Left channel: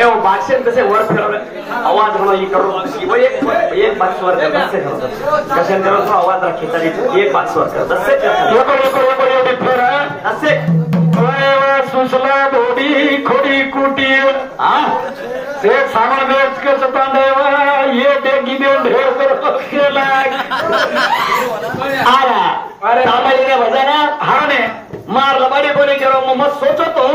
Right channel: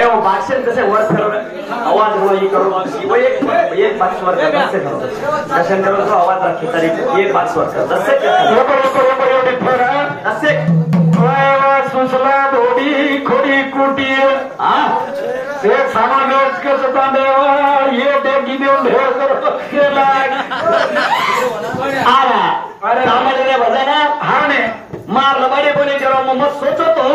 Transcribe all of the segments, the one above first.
हे भाषण कसे वर फिरवलं आवाज होणं करून एक बाक्सवर कसे तो आवाज राखी तरी एक बाक्सवर तसे असे सुसला धोडी खोडी कुटी ते सामान कसं तांदेवा ये डेगी देऊन ढेर केला अरे रामायला बजाना हा ने मार लबाडी बोले जेव्हा मग सोचतो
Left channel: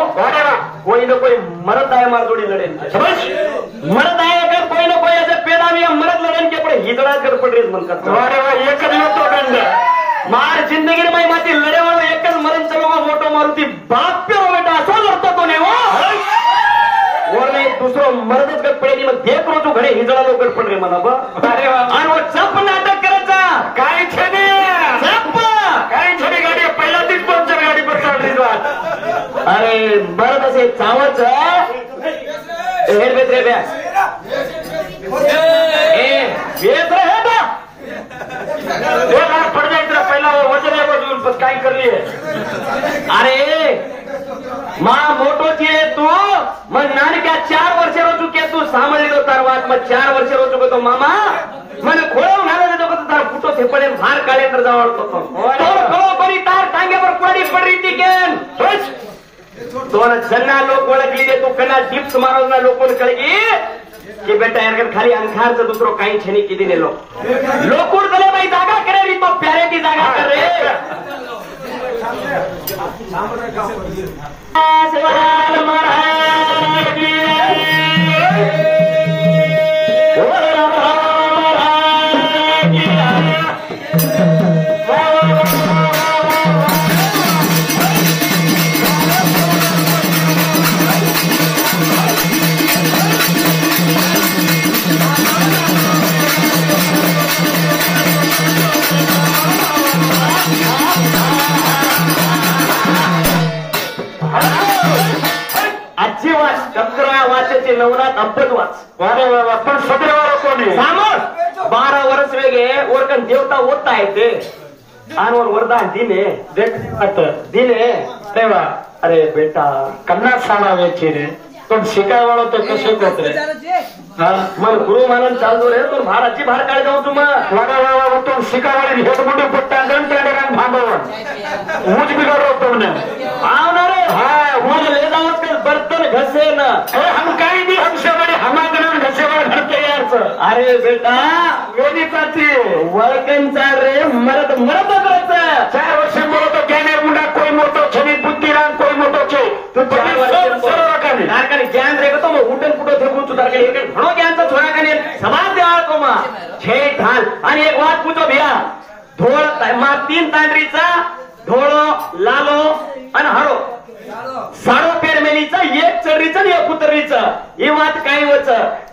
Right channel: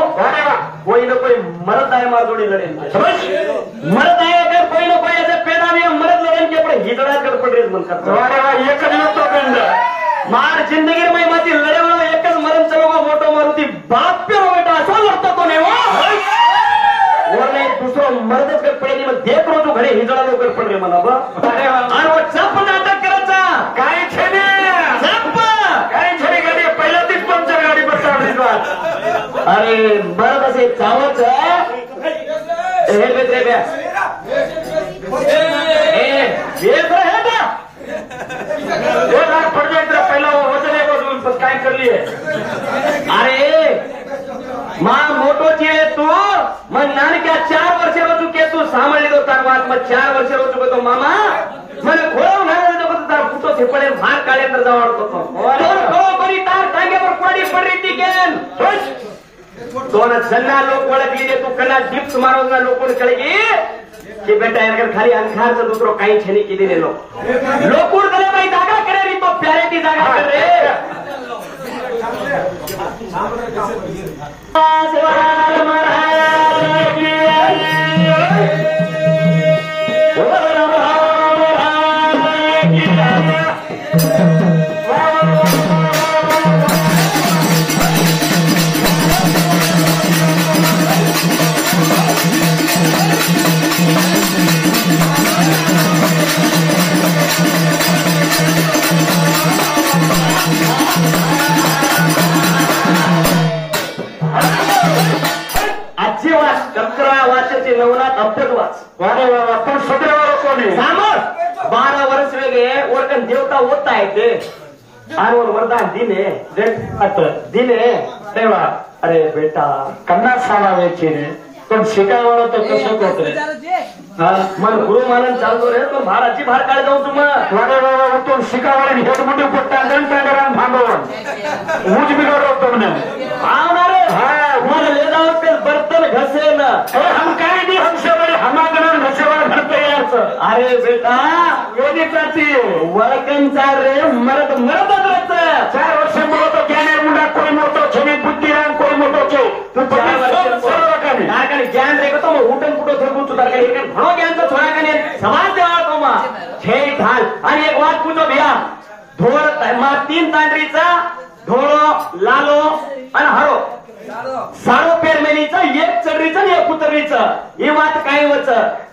कोई ना कोई मरद आहे मार जोडी लढेल मरद आहे अगर कोई ना कोई ऐसे पैदा नहीं मरद लढेल के अपने हिजड़ा कर पड़ रही म्हणतात एकच येतो गंड मार जिंदगी में माती लड़े वाला एक मरण चलोगा मोटो मारुति बाप पे हो बेटा ऐसा लड़ता तो नहीं वो नहीं दूसरों मर्द कर पड़ेगी मैं देख रहा हूँ घरे हिजड़ा लोग कर पड़ रहे मला अरे और वो चप नाटक करायचा काय छेने चप काय छेने गाडी पहिला तीच पंचर गाडी पकडली अरे मर्द असे चावच हे बेत्रे ब्या बेत रहे बा पड़ जाए पहला वो वजन काय कर रही है अरे मां मोटोची आहे तू मग नानक्या 4 वर्ष रोचुके तू सांभाळली तो तरवात मग 4 वर्ष रोचुके तो मामा मला खोळून घालत तो तार फुटो थेपडे भार काढे तर जावडतो कोणी तार टांगेवर पडी पडली ती गेम दोन जन्ना लोक ओळखली दे तू कला डिप्स मारवना लोकों कळगी की बेटा यार खाली अंखारचं दुसरं काही छेनी किती दिलो लोकूड कले बाई जागा करे री तो प्यारे की जागा कर रे नवरात अब्बत वाच पण सगळ्यावर कोणी सामोर 12 वर्ष वेगे ओरकन देवता होता आहे ते आणि वरदान दिने दिने तेव्हा अरे बेटा कन्ना सांगायची रे पण शिकायला तर कसं होत मग गुरु महाराज चालतो रे तो महाराजची भार काढ जाऊ तुम्हाला तो शिकायला हेड मध्ये पट्टा दंड थांबव ऊज बिघडवतो म्हणे बर्तन घसे ना हम काही भी हमसे बड़े हमागण घसेवर भरते याचं अरे बेटा वेदी करते वळकनचा रे मरद मरद 4 वर्ष बोलतो ज्ञाने मुंडा कोई मोठो छनी बुद्धिराम कोई मोठो छो तू नारकाने ज्ञान रे तो मग उठन कुठं थेकून तू तारका एक घणो ज्ञानचा थोडा काने समाज देवा तो मा छे ढाल आणि एक वाट पूछो भैया धोळ मा 3 तांडरीचा धोळो लालो आणि हळो साडो पेरमेलीचं एक चढरीचं आणि एक उतरणीचं ही वाट काही वच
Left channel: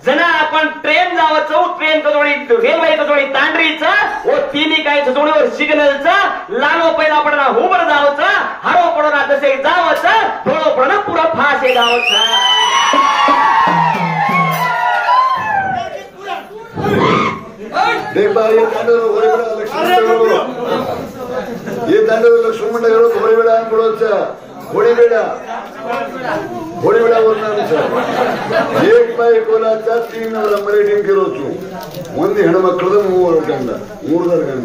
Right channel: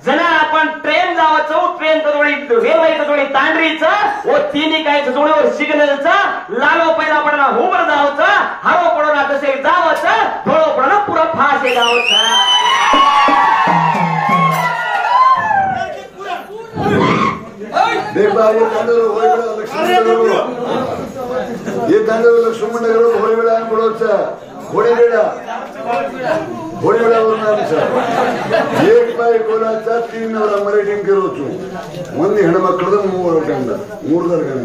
जना आपण ट्रेन जावचं ट्रेन जोडी रेल्वेचं जोडी तांडरीचं व तिन्ही काही जोडीवर सिग्नलचं लालो पहिला पडणं हुबर जावचं हरो पडणं तसे जावचं थोडं पडणं पुरं फासे जावचं ये तांडव लक्ष्मण घोडेवेळा बोलायचा घोडेवेळा एक बाई कोलाचा 3 ಅವರ ಮರೇಟಿಂಗ್ ಕಿರೋಚು ಒಂದು ಹೆಣ್ಣು ಮಕ್ಕಳದ 3 ಗಂಡ 3 ಗಂಡ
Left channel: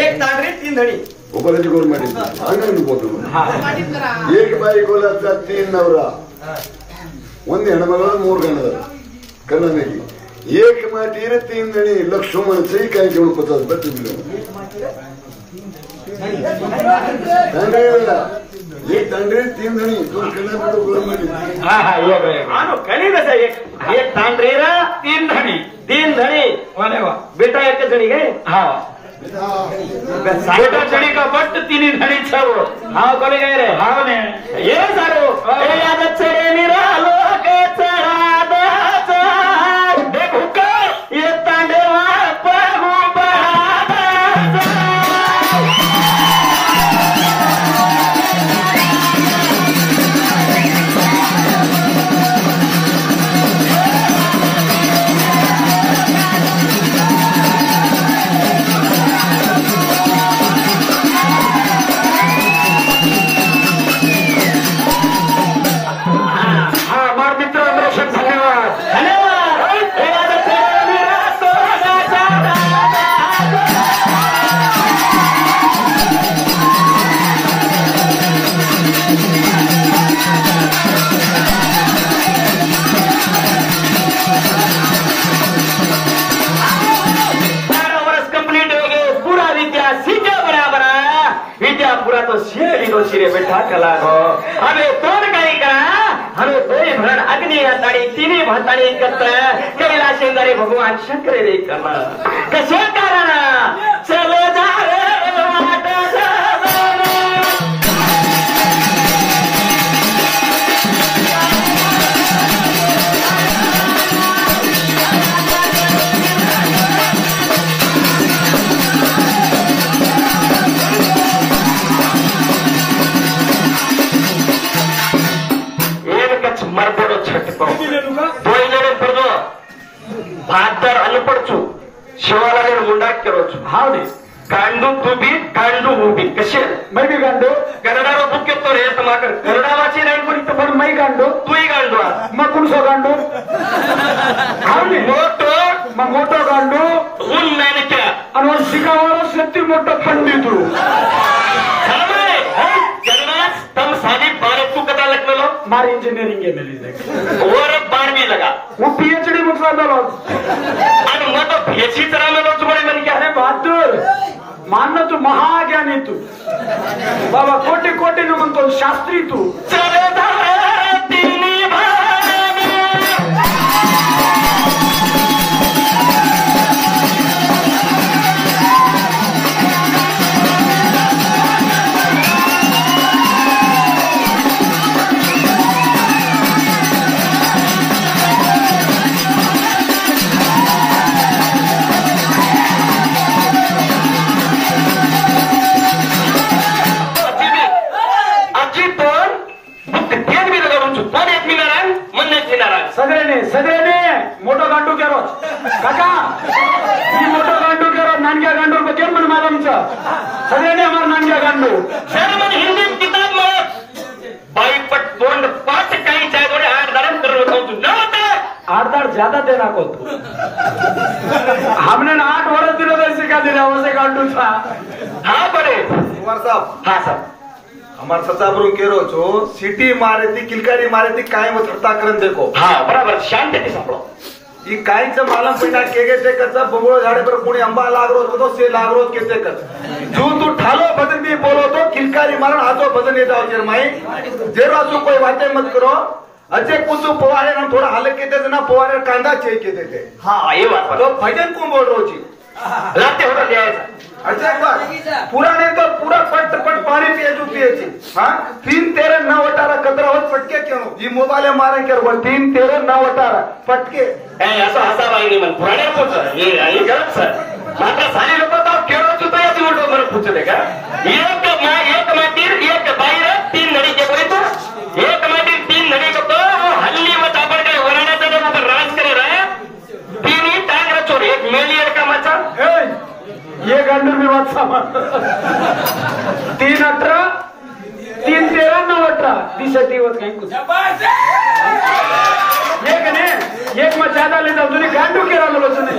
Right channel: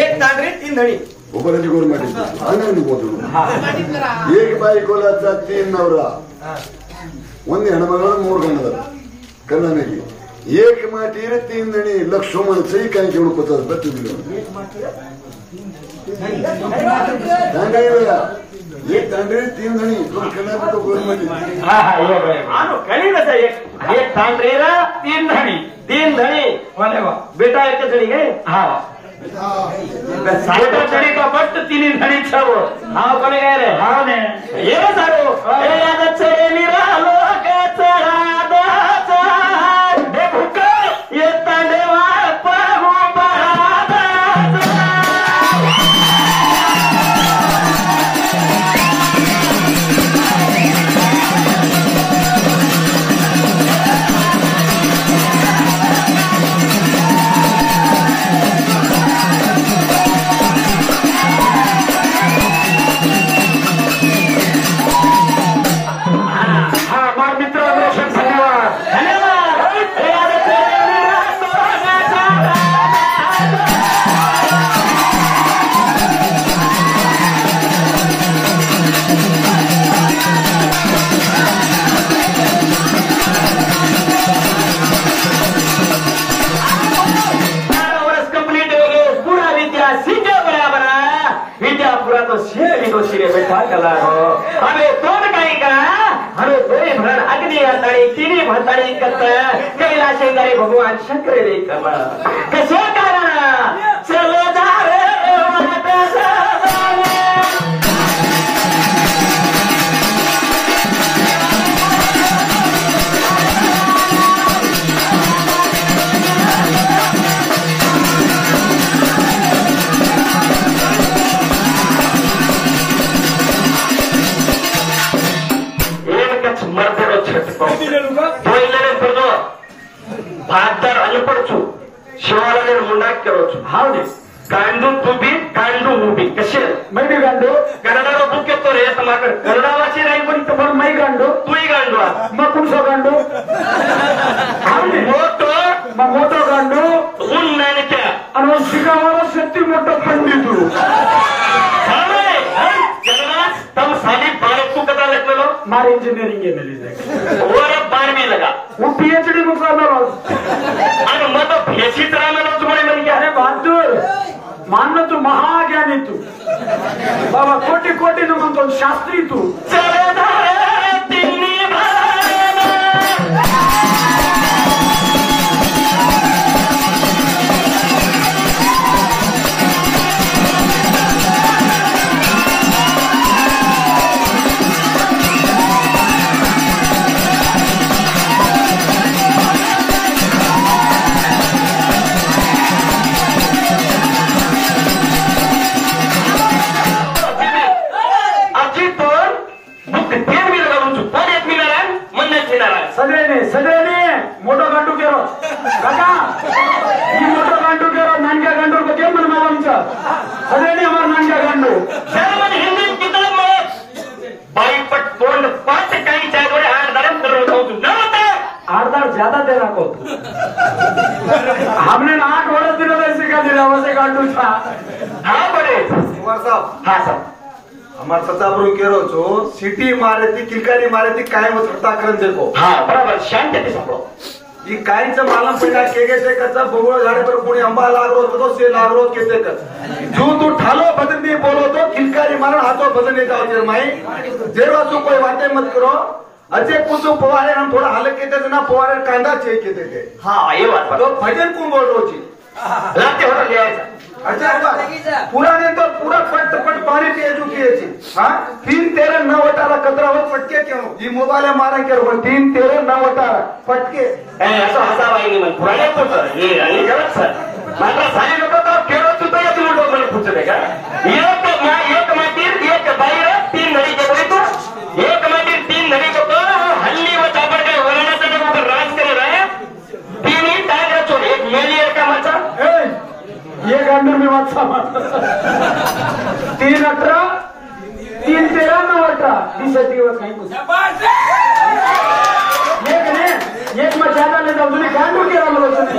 एक तांडरी 3 धणी ಒಬ್ಬರಿಗೆ ಗೋಲ್ ಮಾಡಿದ್ರು ಅವನು ಅನ್ಬೋದು एक बाई कोलाचा 3 ಅವರ ಒಂದು ಹೆಣ್ಣು ಮಕ್ಕಳ 3 ಗಂಡ ಕನ್ನಡಿಗೆ एक माटीर 3 धणी लक्ष्मण सही काही घेऊन पचास बत्ती मिळून एक तांडरी 3 धणी दोन कल्याण तो गोल मध्ये कली कसं एक तांडरी 3 धणी 3 धणी बेटा एक धणी गे हा बेटा धणी का बट 3 धणी छव हा कोणी काय रे हा ने ये ना सारो ए याद छे मेरा लोक चढादाचा देखो का ये तांडवा पाहू तिन्ही भाताने एकत्र कैलास शेंगारे भगवान शंकर रे कमा कसे कारण चलो जा रे मर्देलो छटको दोइलेरे पर्दो भातदार अनपडचू शिवालाने मुंडा केरोचू हावने गांडू तुबी गांडू उभी कशे मैं भी गांडू कन्नडारो तुके तो रे समाकर कन्नडा वाची नाही कोणी तर पण मैं गांडू तूही गांडू मग कुणसो गांडू हावने मोठो गांडू उन नाही क्या आणि शिकावाला शक्ती मोठा पंडितू हावने जन्मास तम साली बारे तू कदा लगलो मारे इंजीनियरिंग के मिली और 12वीं लगा वो पीएचडी मुकला दलो आणि मग तो पीएचडी तरामेलो तुम्हारे मन क्या है बहादुर मानना तू महाज्ञानी तू बाबा कोटी कोटी नु म्हणतो शास्त्री तू चले धारे तिन्ही सगळ्यांनी मोठं गांडू केलो काका ही मोठं गांडू केलो नानग्या गांडू केलं म्हणून मला आमचं सगळ्यांनी आम्हाला नानग्या गांडू हिंदी किताब बाईपट तोंड 5 काही चाय थोडे 8 दारम कर रहा हूं 8 दार ज्यादा देना को हमने 8 वर्ष दिले तो सिखा दिला वैसे गांडू था हां बड़े कुमार साहब हां साहब हमार सचाबरू केरो छो सिटी मारे थी किलकारी मारे थी काय वो थट्टा करन देखो हां बराबर शांत थी सापडो ई कायच मालम पेटा केगे ते कच्चा बगोळ झाडे पर कोणी आंबा लागरो तो से लागरो केते कर जो तू ठालो बदन भी बोलो तो किलकारी मारन हाथो बदन येता है माई जेरो तू कोई बातें मत करो अजे कुछ पवारे हम थोड़ा हालत केते ना पवारे कांदा चे केते थे हां ये बात तो भजन को बोल रो छी लाते हो ले अच्छा पुराने तो पूरा पट पानी पिए हाँ 3 13 न वटारा कचरा हो फटके क्यों ये मोबाइल मारे के 3 13 न वटारा फटके ऐसा हसा पाएंगे ना पुराने तो सर ये गलत सर आता सारे लोग तो खेलो चुतो या तीन लोग बरं पूछते का एक माटीर एक बाहेर 3 नडी के बोली तो एक माटीर 3 नडी को तो हल्ली वो चापड़ के वराने से वहां पर राज करे रहे 3 ही टायर चोर एक मेलियर का मचा ये गांडू में मत सामा 3 18 3 13 9 18 20 दिवस काही कुछ एक ने एक मत ज्यादा ले जाओ तुझे गांडू केला मला सुनी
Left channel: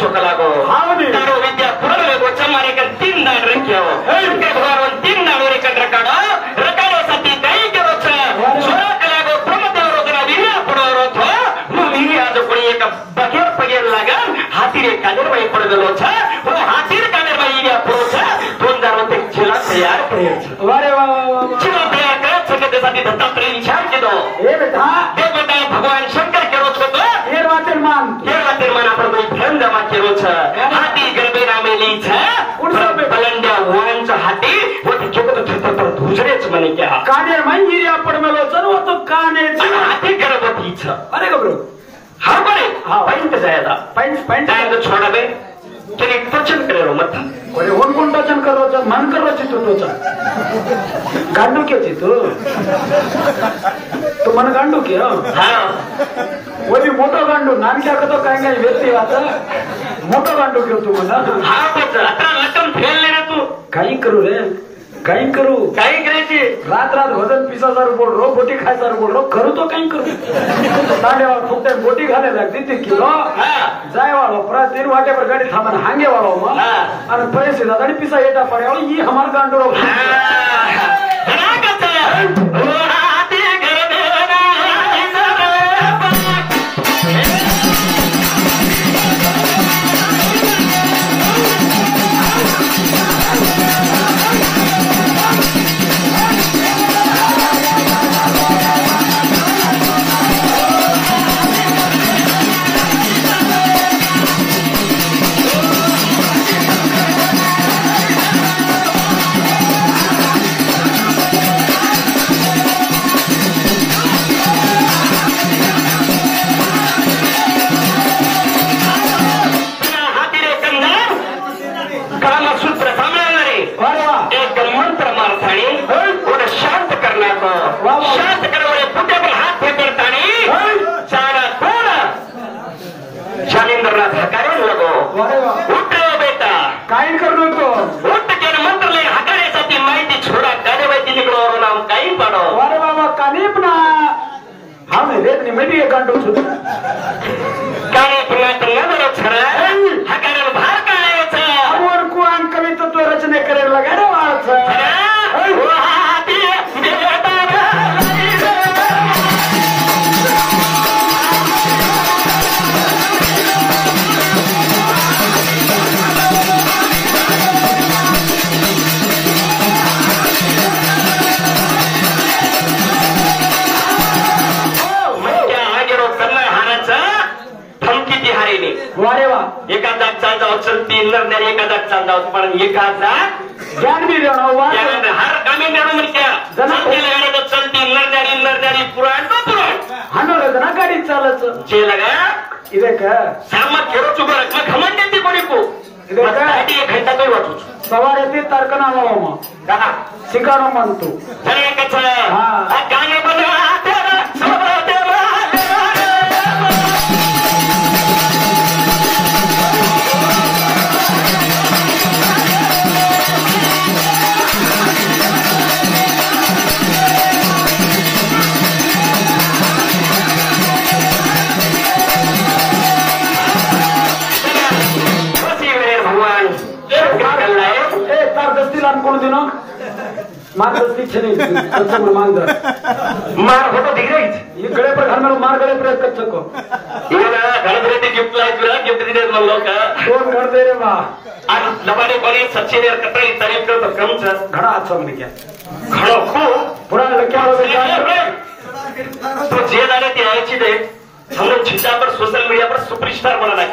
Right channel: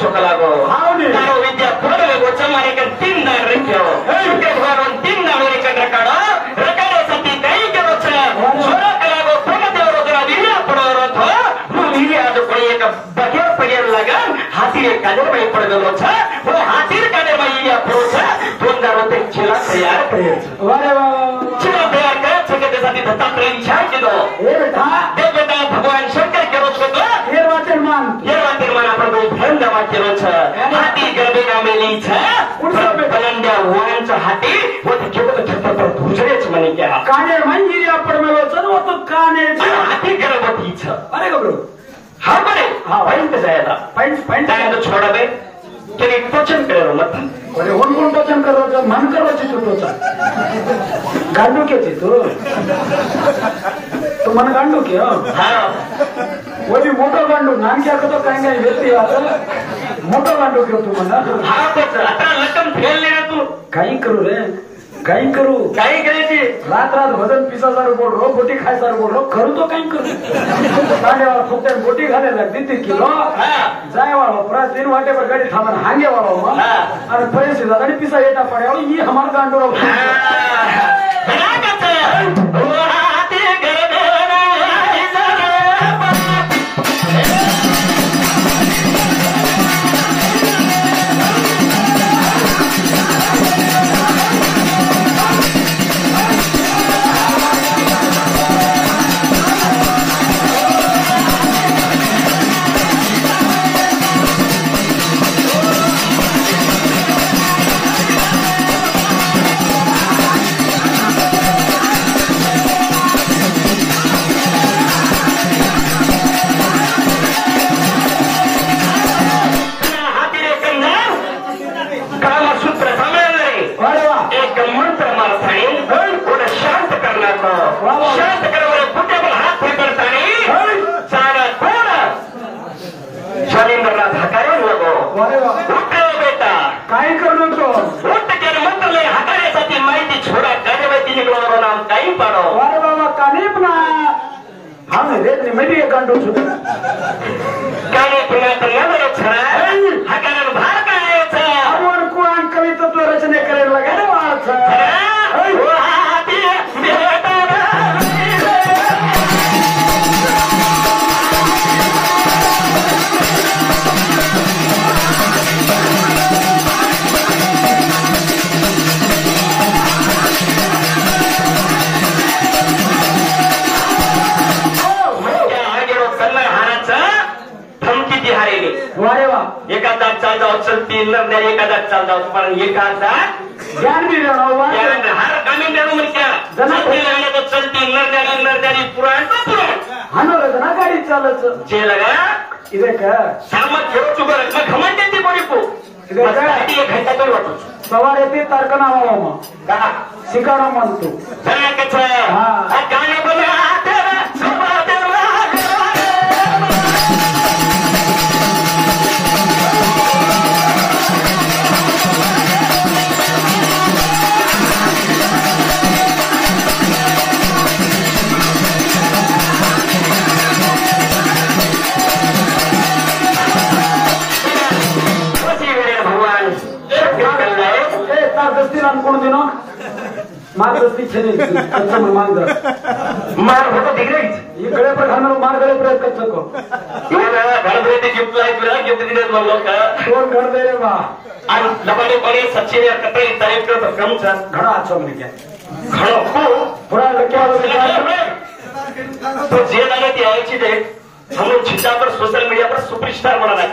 छोटा लागो तारो विद्या पुरले गोचा मारे कर 3 दान रखियो के भगवान 3 दान रे कर रकाड़ो सती कई के रोचा छोटा लागो प्रमदेव रोदरा विना पड़ो रोथो मुली याद कोई एक बगे पगेर लगा हाथी रे कादर भाई पड़ गलो छा वो हाथी रे कादर भाई या पड़ोचा दोनदा रोते छिला तैयार करे अरे वाह छिला तैयार कर छोटे सती दत्ता प्रेम छाड़ के दो ए बेटा भगवान शंकर के रोच को ये वाचन मान प्रभु भंड वाक्य रोच हाथी गर्भेरा मेली छ उनसे बलंड्या वांचा हाथी वो तो छोटे दूसरेच म्हणे क्या काने मंजिरी आपण मला सर्व तो काने हाथी गर्भवती छ अरे गबरू हा बरे हा पॉइंट जायदा पॉइंट तो छोड़ा बे तेरी टोचन करो मत अरे कोण टोचन करो तो मन करो छी तू टोचन गांडू के छी तू तो मन गांडू के हां वो भी मोटो गांडू नाम क्या तो कहेंगे व्यक्ति आता मोठा गांडो करतो मला हा बच आता लटम फेलले रे तू काही करू रे काही करू काही करायची रात रात भजन पिसासार बोल रो बोटी खायसार बोल रो करू तो काही करू दांडेवाळ फक्त बोटी घालायला लागते ते किलो जाय वाळो प्रा 3 वाटे पर गाडी थांबन हांगे वाळो मग आणि पैसे जात आणि पिसा येता पडे वाळो ही हमार गांडो काय करू तो मंत्र हाताळ्यासाठी माहिती छोडा गाडीवरती निघलो नाम काही पडो अरे बाबा काने पण हा नाही रे मेडी गांडो सुद्धा गाडी पुन्हा तर छडा हा कारण भार काढायचा आवड कोण कविता तो रचना करायला लागायला वाचा एखादा चालता चलती नर एखादा चालता तुम्हाला एखादा ज्ञान भी हर कामी चलती नरनारी पुराण हाणवलं ना गाडी चालत जे लगा ಇದಕ್ಕ ಸಾಮತ್ ಹೇಳೋಚು ಬರಕ್ಕೆ ಘಮಂಡಂತಿ ಬರಿಕು ಇದಕ್ಕ ಅಡಿ घंटा तो वाटू सवार येते तारकना वावा का शिकाणो म्हणतो जरा कच हा गाणे बजा तेरा सोबा तेरा मार्गदर्शी छे मांग मार होतो डिग्रेट इकडे पण घालून मार्गले प्रयत्न चको इकडे घरभरती गिफ्ट लायला गिफ्ट दिले म्हणलो का कोण घर दे रे बा आणि लबाडे बरी सच्चे ने कतई तारीफ कर कम छ घड़ा अच्छा मिल गया खड़ो को पुरा लक्या तो जे लागे ती यायची दे हम छिटा पर सोशल मीडिया पर सुपरस्टार बना है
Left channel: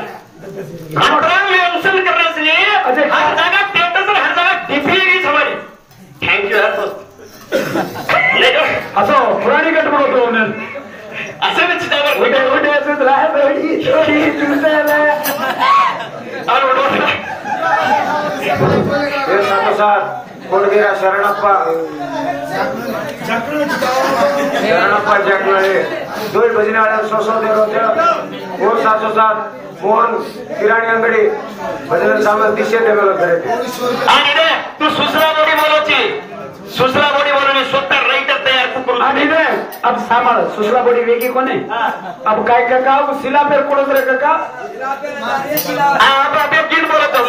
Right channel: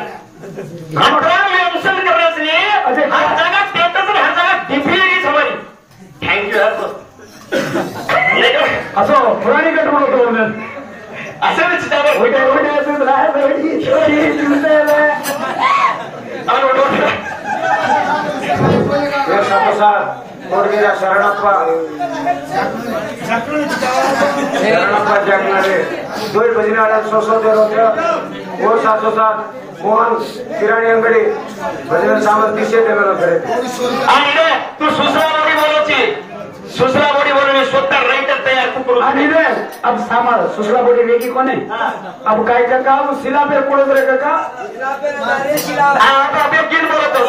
हमरा में अनुसरण करने से हर जगह स्टेटस और हर जगह डिग्री हमारी थैंक यू असो पुराणी गट म्हणतो असं चितावर ओढे ओढे असं राहत कोणगेरा शरणप्पा शरणप्पा जगणारे दोन भजनीवाड्या सोसवले होते कोण 707 कोण किराणी अंगडी भजन सामने दिशे देवाला करे आणि रे तू सुसरा बोडी बोलायची सुसरा बोडी बोलून स्वतः राइटर तयार तू करू आणि रे अब सांभाळ सुसरा बोडी वेगी कोण आहे अब काय का सिला पे कोण रे का सिला पे आप गिन बोलतो